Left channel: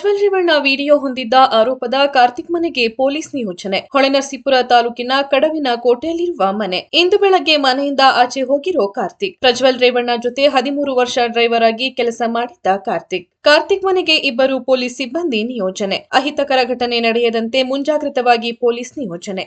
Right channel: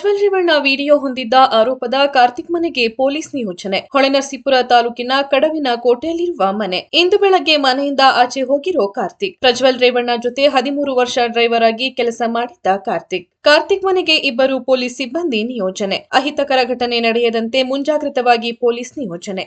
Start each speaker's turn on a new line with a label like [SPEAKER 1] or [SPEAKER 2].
[SPEAKER 1] Prajwal Revanna video ಹೊಂದಿದ್ದ ಆರೋಪದ ಕಾರ್ತಿಕ್ ಮನೆಗೆ ಪೊಲೀಸ್ ನಿಯೋಜನೆ. ಹೊಳೆನರಸೀಪುರ ತಾಲೂಕಿನ ಕಡವಿನ ಕೋಟೆಯಲ್ಲಿರುವ ಮನೆ. ಇಂದು ಬೆಳಗ್ಗೆ ಮನೆಯಿಂದ ಆಚೆ ಹೋಗಿರೋ ಕಾರ್ತಿಕ್. ಪ್ರಜ್ವಲ್ ರೇವಣ್ಣ ಜೊತೆ ಹದಿಮೂರು ವರ್ಷ ಡ್ರೈವರ್ ಆಗಿ ಕೆಲಸ ಮಾಡಿದ್ದ ಕಾರ್ತಿಕ್. ಕಾರ್ತಿಕ್ ಮನೆಗೆ ಇಬ್ಬರು ಪೊಲೀಸ್ ಸಿಬ್ಬಂದಿ ನಿಯೋಜನೆ. ಅಹಿತಕರ ಘಟನೆ ನಡೆಯದಂತೆ ಮುಂಜಾಗ್ರತವಾಗಿ ಪೊಲೀಸ್ ನಿಯೋಜನೆ.